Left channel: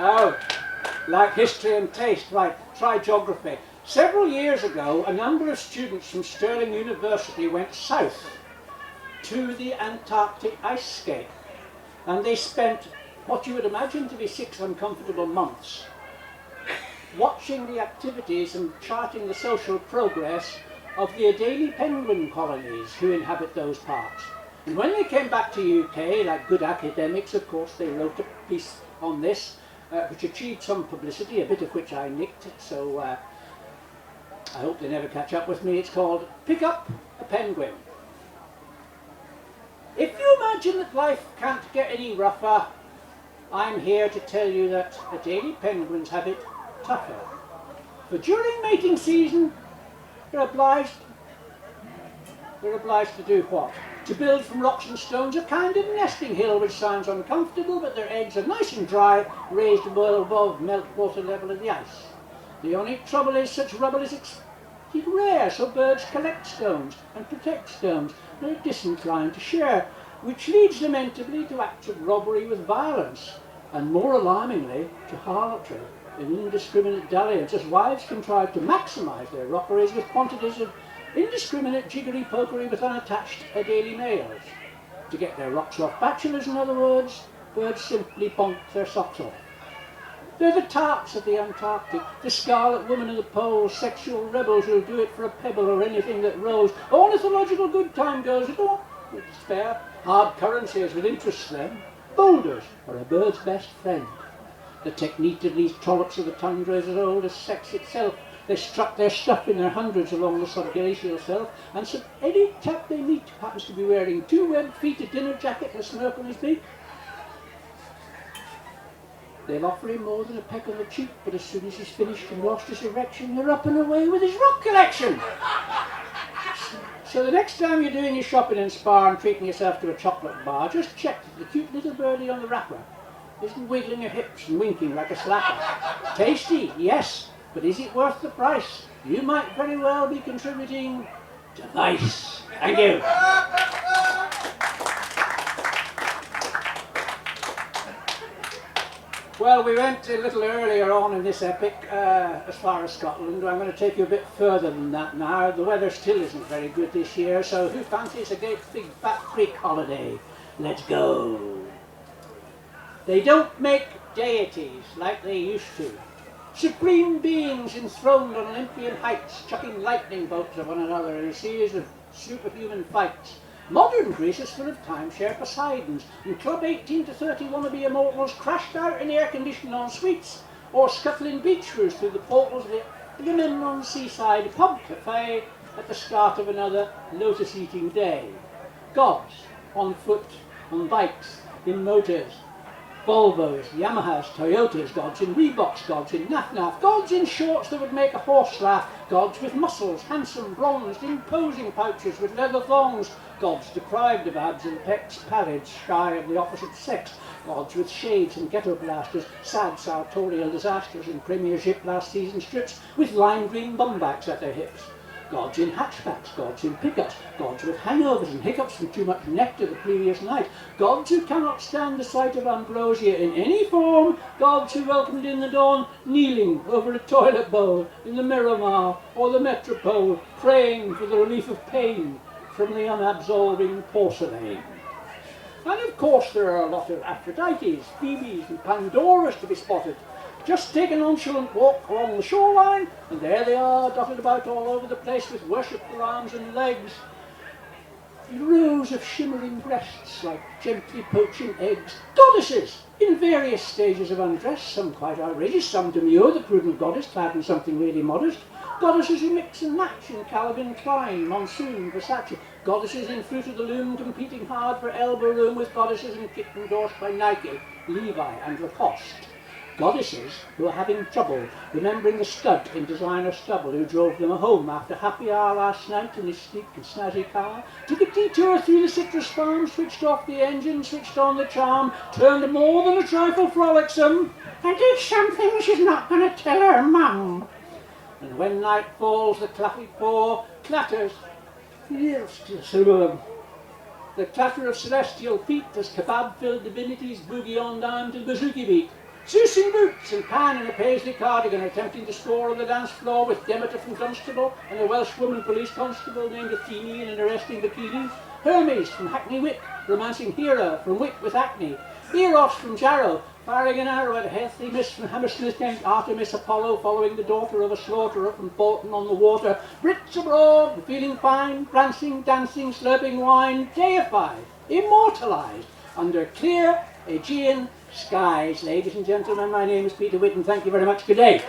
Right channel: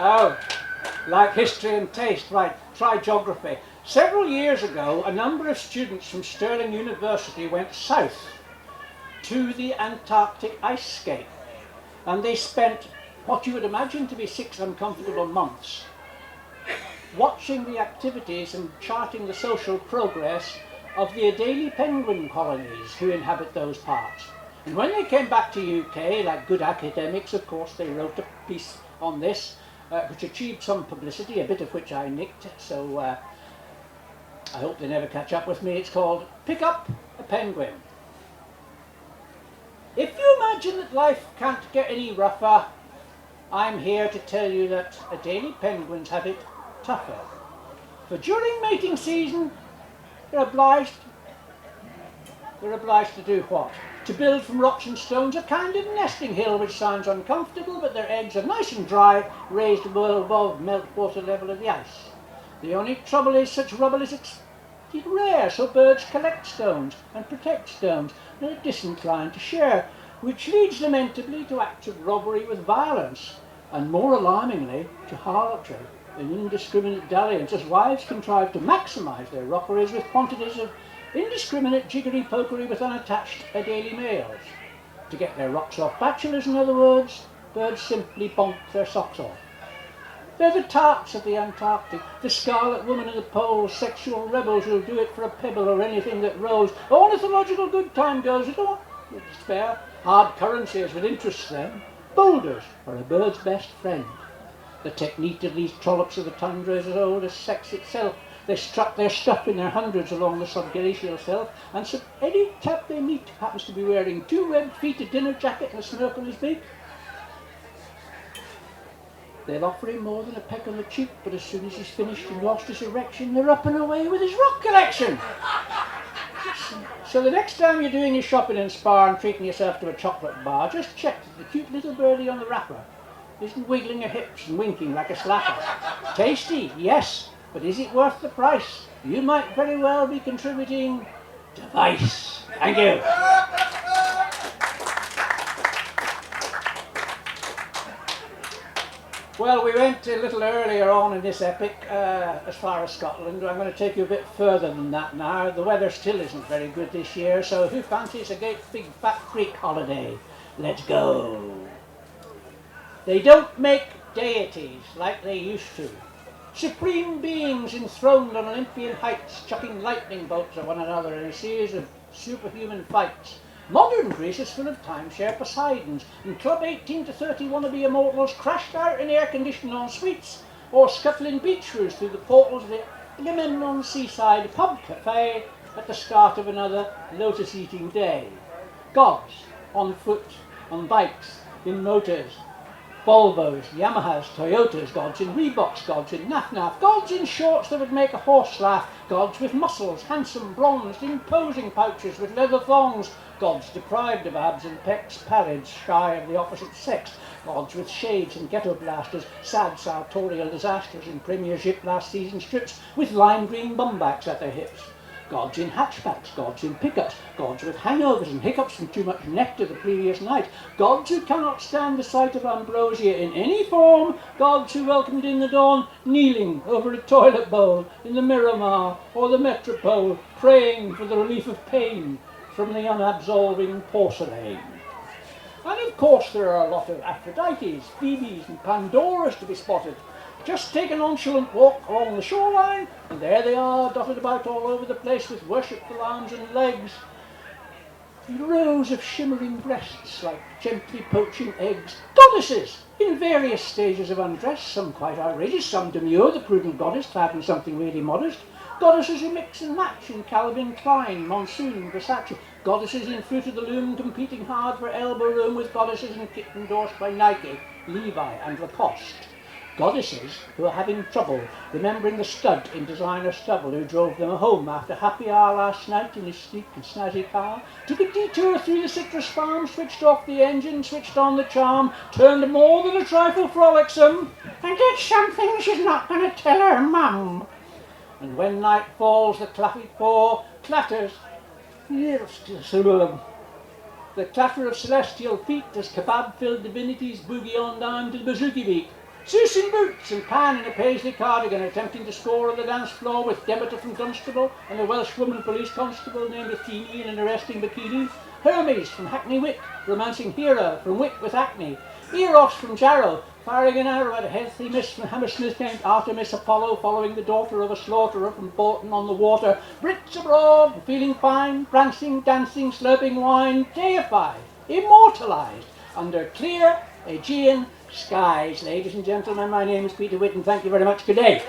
Oh, like history and taste, right, try geography. Several years ago, a number of students from Stirling University went south to the Antarctic ice skate, and they spent what you would imagine to be 6 uncomfortable months watching the activities and charting the social progress of the Adelie penguin colonies who inhabit those parts. And when they came back to UK, like good academics, of course, they wrote a piece on this, which achieved some publicity, a bit of which I nicked, so I hope they never catch up with me. It's called Pick Up a Penguin. If you imagine that life can't get any rougher, I'm here to tell you that Adelie penguins have it tougher. For during mating season, they're obliged to do what? To build from rocks and stones a kind of nesting hill which sounds uncomfortable, but their eggs are nice and dry, raised well above meltwater level of the ice. The only trouble is such rubble is rare, so birds collect stones and protect stones, and are disinclined to share, which leads lamentably to acts of robbery with violence, and more alarmingly to harlotry and indiscriminate dalliance, as wives contrive to maximise their rockeries with quantities of indiscriminate jiggery-pokery with unattached Adelie males. To get their rocks off bachelors, in other words, birds simply bonk their socks off. They're the tarts of the Antarctic, the scarlet woman of the poles, sexual rebels who'll do it for a pebble or anything that rolls. Ornithological good time goes, it's fair. Hard currencies will interest them. Boulders are a bird's best friend. The technique of these trollops of the tundra is as old as sex itself. They strut their stuff in their hundreds along the subglacial shelf, and so any chap they meet happens to be wearing 2 webbed feet, a dinner jacket and a smirk on his beak, they'll offer him more than a peck on the cheek, but as soon as he's finished and lost his erection, they're up and away with his rock collection. So the next time you're doing your shopping in Spa and treating yourself to a chocolate bar, just check that the cute little birdie on the wrapper isn't wiggling her hips and winking like a slacker. Tasty, yes, but is it worth the price? You might very well be contributing to vice. Thank you. Well, we went a little earlier on in this epic as far as Scotland. I'm going to take you a bit further than that now. The weather still isn't very good this year, so who fancies a great big fat freak holiday? Let's go. They don't make deities like they used to. Supreme beings enthroned on Olympian heights, chucking lightning bolts at one another in a series of superhuman fights. Modern Greece is full of timeshare Poseidons, and Club 18 to 30 wannabe immortals crashed out in air-conditioned en-suites, or scuttling beach roos through the portals of the Agamemnon seaside pub cafe at the start of another lotus-eating day. Gods, on foot, on bikes, in motors, Volvos, Yamahas, Toyotas, gods in Reeboks, gods in Naf-Naf, gods in shorts that would make a horse laugh, gods with muscles, handsome, bronzed, imposing pouches with leather thongs, gods deprived of abs and pecs, pallid, shy of the opposite sex, gods with shades and ghetto blasters, sad sartorial disasters in Premiership last season strips with lime green bumbacks at their hips. Gods in hatchbacks, gods in pickups, gods with hangovers and hiccups from too much nectar the previous night, gods who cannot stand the sight of ambrosia in any form, gods who welcomed in the dawn kneeling over a toilet bowl in the Miramar or the Metropole, praying for the relief of pain from the unabsolving porcelain. And of course there are a lot of Aphrodites, Phoebes and Pandoras to be spotted. Just take a nonchalant walk along the shoreline, and there they are, dotted about all over the place with worshipful arms and legs. Rows of shimmering breasts like gently poaching eggs. Goddesses in various stages of undress, some quite outrageous, some demure, the prudent goddess clad in something really modest. Goddesses who mix and match in Calvin Klein, Monsoon, Versace. Goddesses in Fruit of the Loom competing hard for elbow room with goddesses in kit endorsed by Nike, Levi and Lacoste. Goddesses who are having trouble remembering the stud in designer stubble who drove them home after happy hour last night in his sleek and snazzy car, took a detour through the citrus farm, switched off the engine, switched on the charm, turned more than a trifle frolicsome, and did something she's not going to tell her mum. And when night falls, the claffy paw clatters. The clatter of celestial feet as kebab-filled divinities boogie on down to the bouzouki beat. Zeus in boots and Pan in a paisley cardigan attempting to score on the dance floor with Demeter from Dunstable and a Welshwoman police constable named Athene in an arresting bikini. Hermes from Hackney Wick, romancing Hera from Wick with acne. Eros from Jarrow, firing an arrow at a healthy miss from Hammersmith named Artemis Apollo, following the daughter of a slaughterer from Bolton on the Water. Brits abroad, feeling fine, prancing, dancing, slurping wine, deified, immortalised, under clear Aegean skies. Ladies and gentlemen, my name is Peter Wyton. Thank you very much. Good day.